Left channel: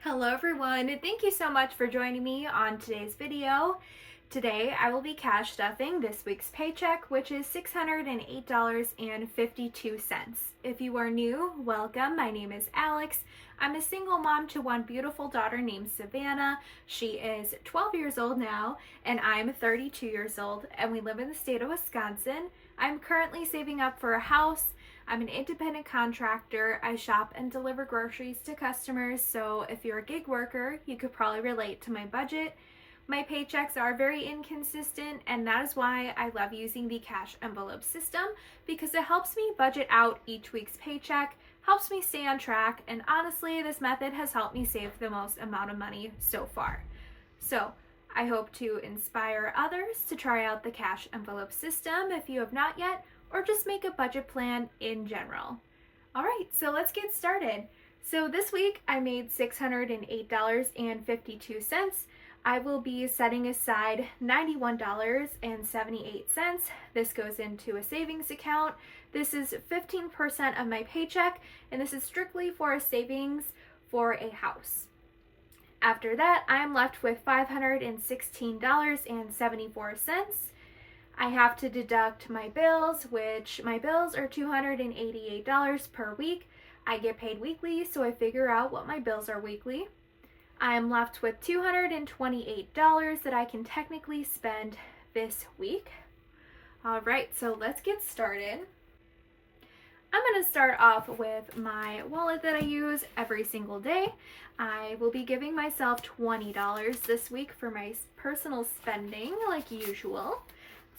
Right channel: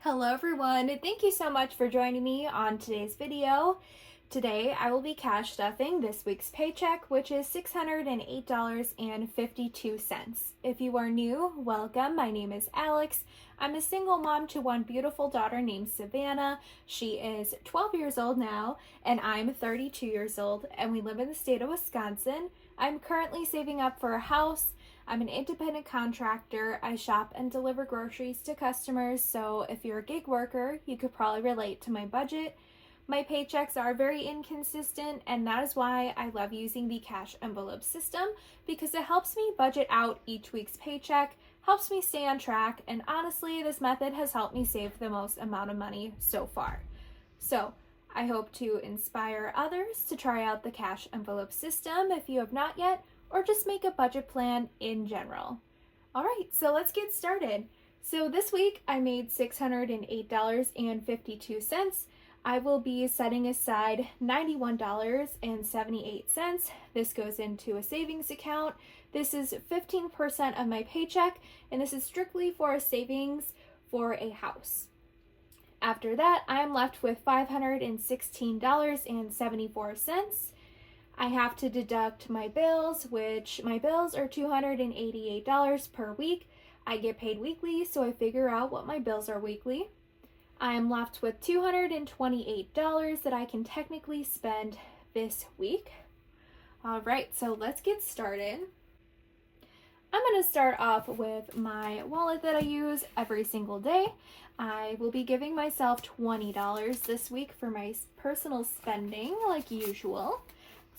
Hello everyone, and thank you so much for joining me on today's video. Today I will be cash stuffing this week's paycheck, which is $608.52. If you are new, welcome. My name is Alex. I'm a single mom to one beautiful daughter named Savannah. She is 12 years old now, and I'm 32 years old, and we live in the state of Wisconsin. I'm currently saving up for a house. I'm an independent contractor. I shop and deliver groceries to customers, so if you're a gig worker, you could probably relate to my budget. My paychecks are very inconsistent, and that is why I love using the cash envelope system, because it helps me budget out each week's paycheck, helps me stay on track, and honestly, this method has helped me save the most amount of money so far. So, I hope to inspire others to try out the cash envelope system if you have not yet, or just make a budget plan in general. All right, so let's get started. So this week I made $608.52. I will be setting aside $91.78. This goes into a savings account. This is 15% of my paycheck, and this is strictly for a savings for a house. After that, I am left with $516.74. I have to deduct my bills, which my bills are $288 per week. I get paid weekly, so I figure out what my bills are weekly. I am left with $228 that I can technically spend this week. All right, so let's get started. I'm going to start off with my wallet that I use every single day. I will be giving myself $20 this week for my personal spending, like usual.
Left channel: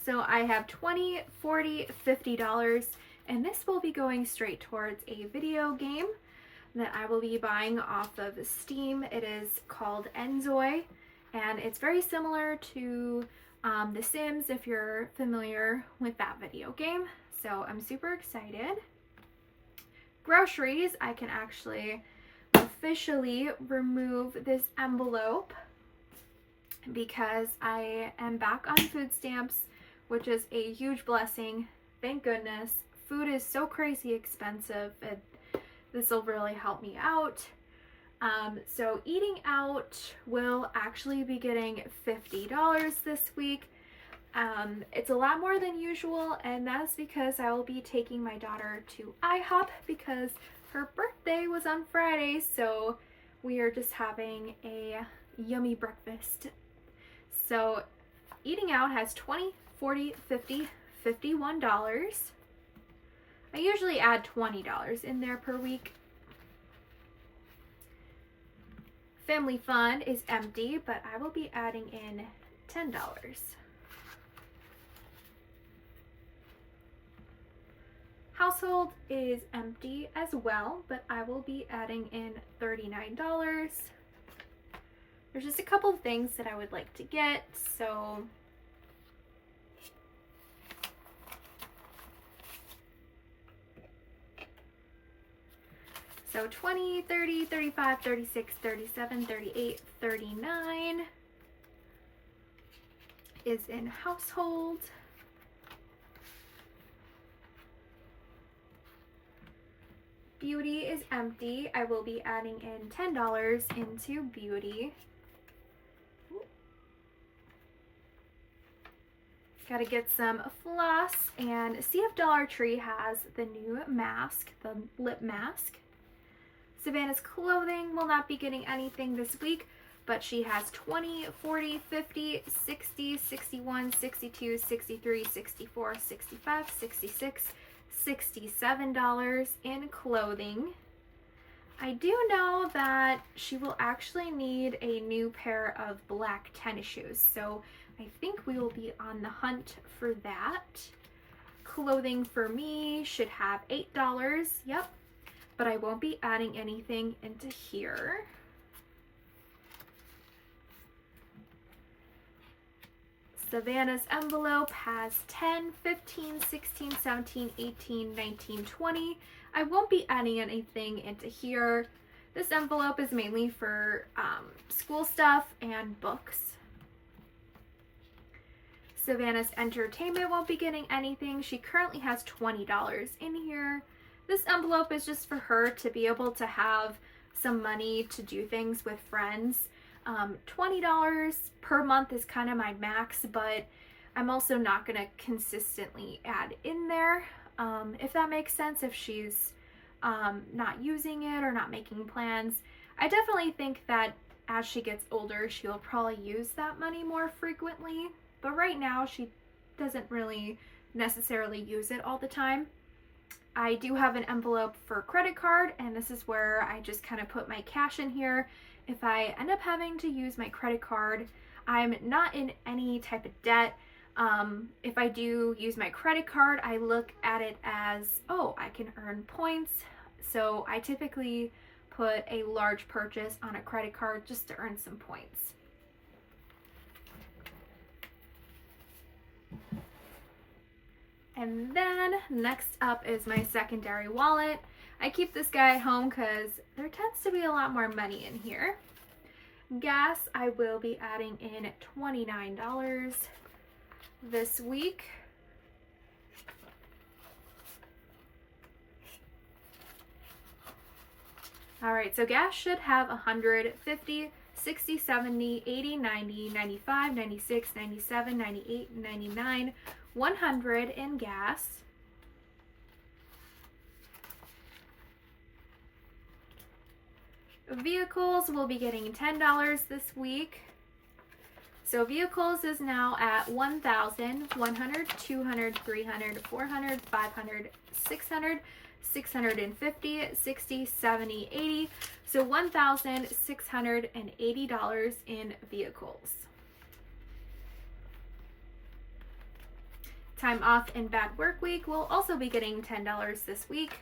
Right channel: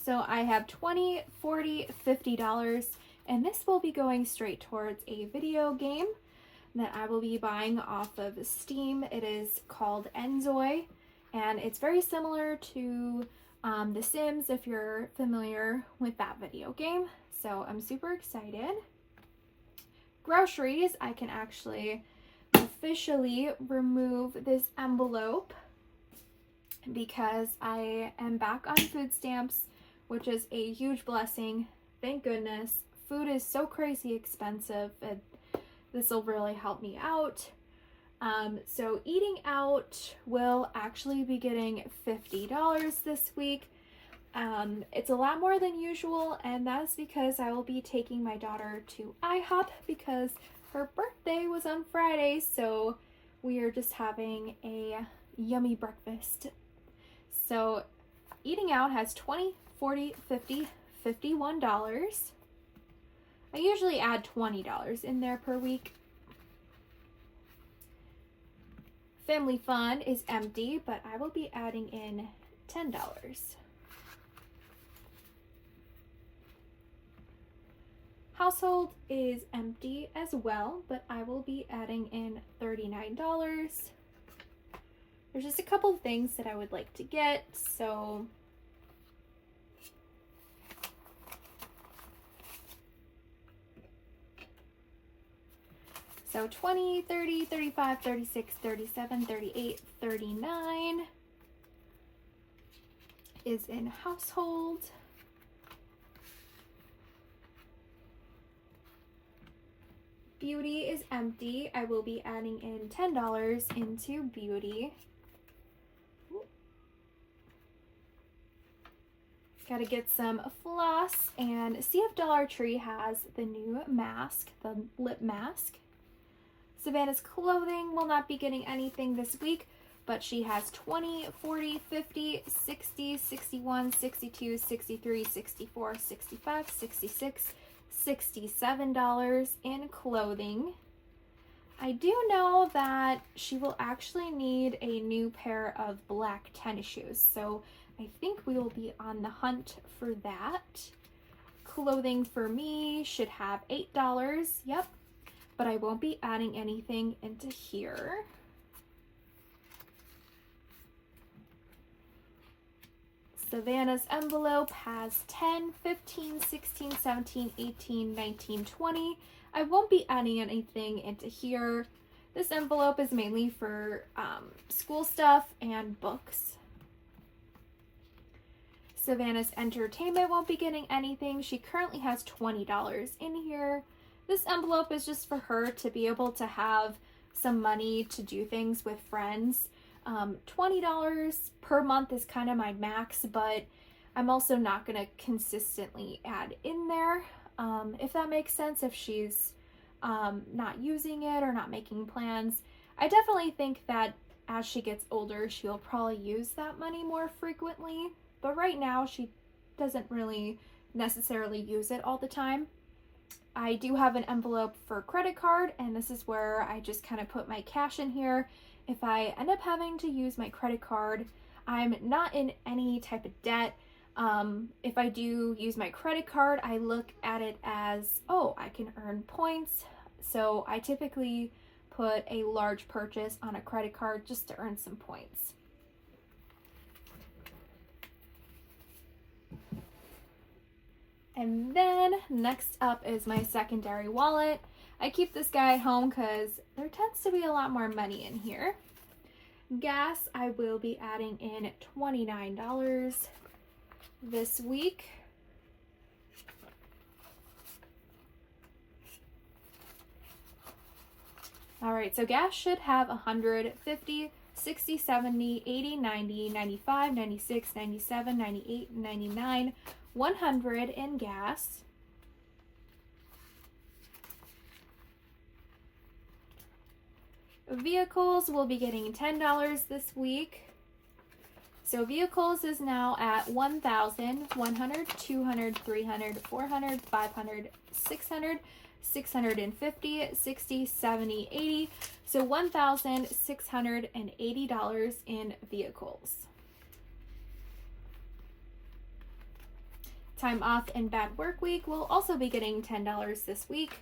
So I have $20, $40, $50, and this will be going straight towards a video game that I will be buying off of Steam. It is called Enjoy, and it's very similar to The Sims, if you're familiar with that video game. So I'm super excited. Groceries, I can actually officially remove this envelope because I am back on food stamps, which is a huge blessing. Thank goodness. Food is so crazy expensive. This will really help me out. So eating out will actually be getting $50 this week. It's a lot more than usual, and that's because I will be taking my daughter to IHOP because her birthday was on Friday, so we are just having a yummy breakfast. So eating out has $20, $40, $50, $51. I usually add $20 in there per week. Family fun is empty, but I will be adding in $10. Household is empty as well, but I will be adding in $39. There's just a couple of things that I would like to get, so So 20, 30, 35, 36, 37, 38, 39 is in household. Beauty is empty. I will be adding in $10 into beauty. Gotta get some floss, and CF Dollar Tree has the new mask, the lip mask. Savannah's clothing will not be getting anything this week, but she has 20, 40, 50, 60, 61, 62, 63, 64, 65, 66, $67 in clothing. I do know that she will actually need a new pair of black tennis shoes, so I think we will be on the hunt for that. Clothing for me should have $8, yep. But I won't be adding anything into here. Savannah's envelope has 10, 15, 16, 17, 18, 19, 20. I won't be adding anything into here. This envelope is mainly for school stuff and books. Savannah's entertainment won't be getting anything. She currently has $20 in here. This envelope is just for her to be able to have some money to do things with friends. $20 per month is kind of my max, but I'm also not going to consistently add in there, if that makes sense, if she's not using it or not making plans. I definitely think that as she gets older, she'll probably use that money more frequently, but right now she doesn't really necessarily use it all the time. I do have an envelope for credit card, and this is where I just kind of put my cash in here. If I end up having to use my credit card, I'm not in any type of debt. If I do use my credit card, I look at it as, oh, I can earn points. So I typically put a large purchase on a credit card just to earn some points. And then next up is my secondary wallet. I keep this guy at home because there tends to be a lot more money in here. Gas, I will be adding in $29 this week. All right, so gas should have 150, 60, 70, 80, 90, 95, 96, 97, 98, 99, 100 in gas. Vehicles will be getting $10 this week. So vehicles is now at 1,000, 100, 200, 300, 400, 500, 600, 650, 60, 70, 80. So $1,680 in vehicles. Time off and bad work week will also be getting $10 this week.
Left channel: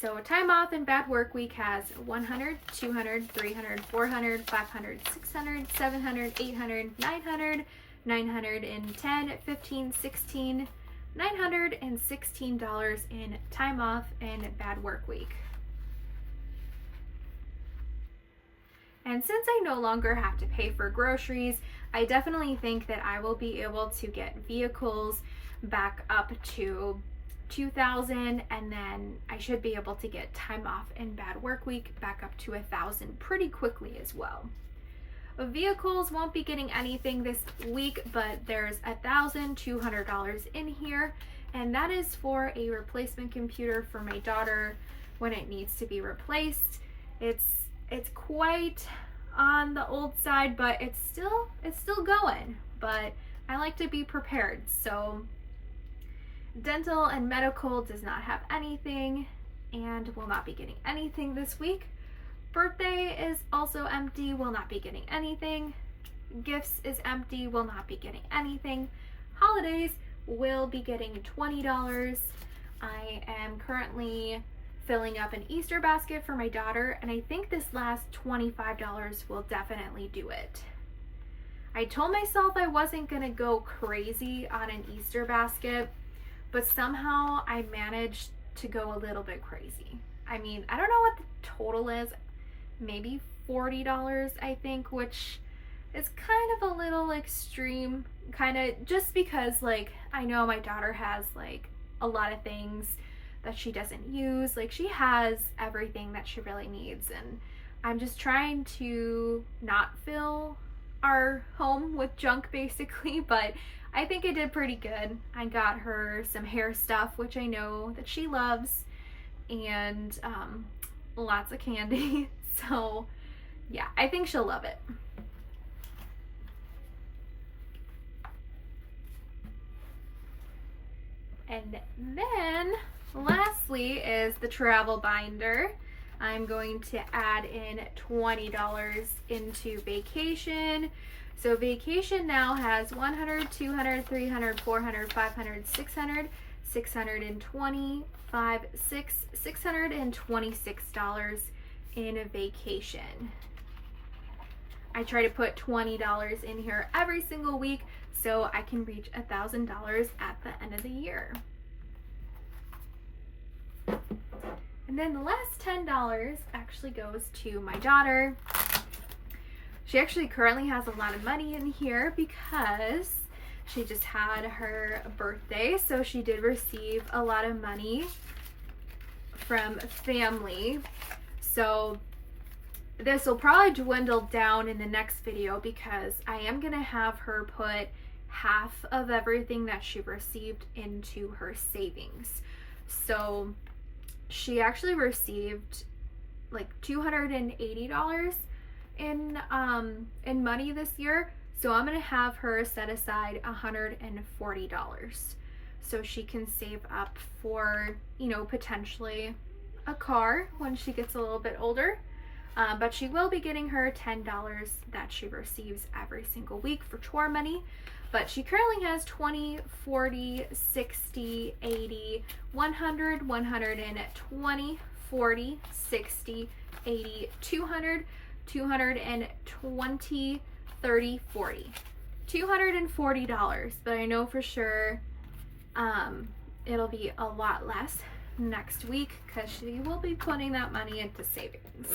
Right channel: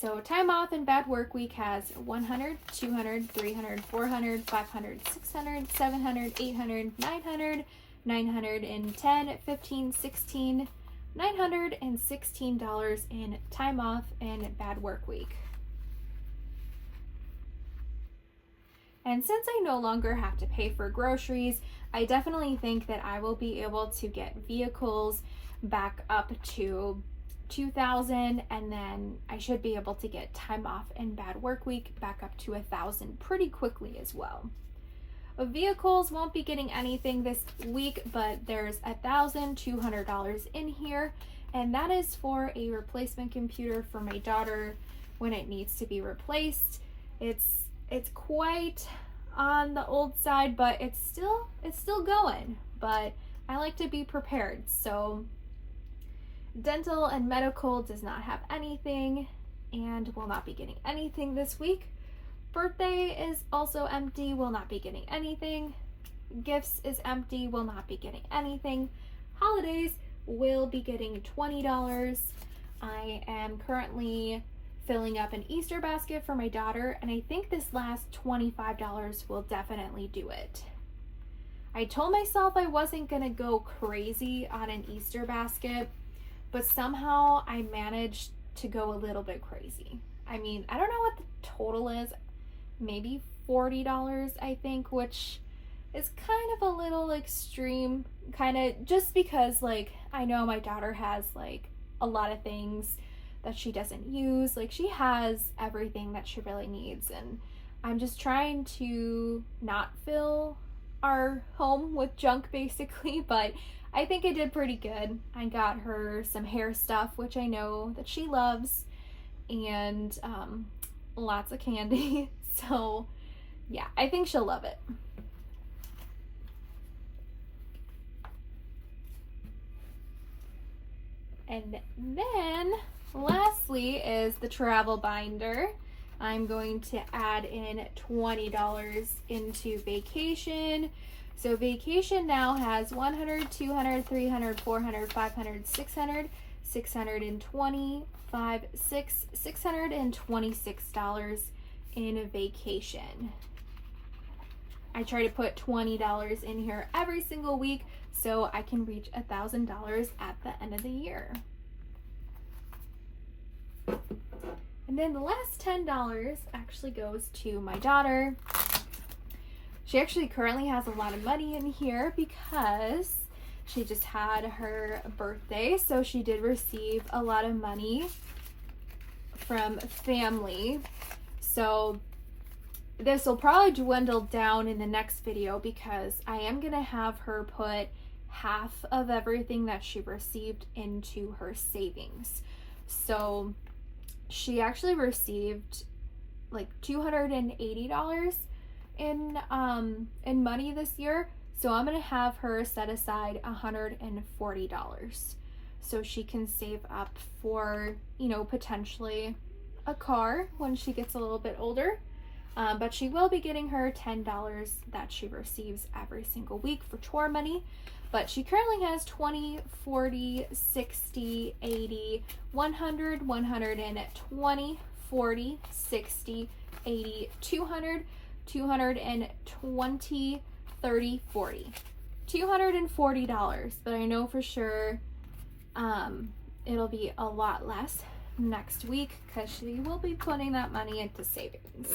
So time off and bad work week has 100, 200, 300, 400, 500, 600, 700, 800, 900, 910, 15, 16, $916 in time off and bad work week. And since I no longer have to pay for groceries, I definitely think that I will be able to get vehicles back up to 2,000, and then I should be able to get time off and bad work week back up to 1,000 pretty quickly as well. Vehicles won't be getting anything this week, but there's $1,200 in here, and that is for a replacement computer for my daughter when it needs to be replaced. It's quite on the old side, but it's still going, but I like to be prepared. So dental and medical does not have anything and will not be getting anything this week. Birthday is also empty, will not be getting anything. Gifts is empty, will not be getting anything. Holidays will be getting $20. I am currently filling up an Easter basket for my daughter, and I think this last $25 will definitely do it. I told myself I wasn't gonna go crazy on an Easter basket, but somehow I managed to go a little bit crazy. I mean, I don't know what the total is, maybe $40, I think, which is kind of a little extreme, kind of just because, like, I know my daughter has, like, a lot of things that she doesn't use. Like, she has everything that she really needs, and I'm just trying to not fill our home with junk, basically, but I think I did pretty good. I got her some hair stuff, which I know that she loves, and lots of candy. So yeah, I think she'll love it. And then lastly is the travel binder. I'm going to add in $20 into vacation. So vacation now has 100, 200, 300, 400, 500, 600, 625, $626 in vacation. I try to put $20 in here every single week so I can reach $1,000 at the end of the year. And then the last $10 actually goes to my daughter. She actually currently has a lot of money in here because she just had her birthday, so she did receive a lot of money from family. So this will probably dwindle down in the next video because I am going to have her put half of everything that she received into her savings. So she actually received like $280 in money this year. So I'm going to have her set aside $140 so she can save up for, you know, potentially a car when she gets a little bit older. But she will be getting her $10 that she receives every single week for chore money. But she currently has 20, 40, 60, 80, 100, 120, 40, 60, 80, 200, 220, 30, 40. $240, but I know for sure it'll be a lot less next week because she will be putting that money into savings.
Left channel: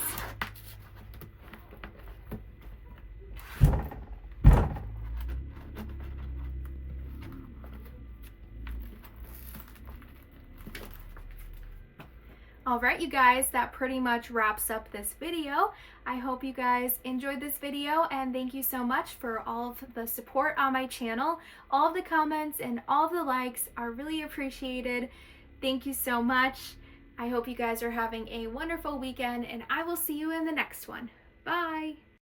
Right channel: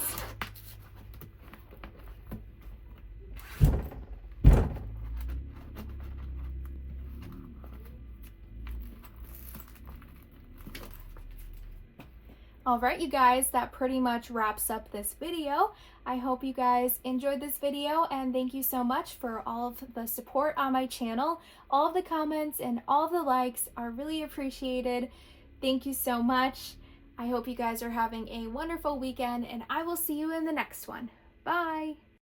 Alright, you guys, that pretty much wraps up this video. I hope you guys enjoyed this video, and thank you so much for all of the support on my channel. All of the comments and all of the likes are really appreciated. Thank you so much. I hope you guys are having a wonderful weekend, and I will see you in the next one. Bye!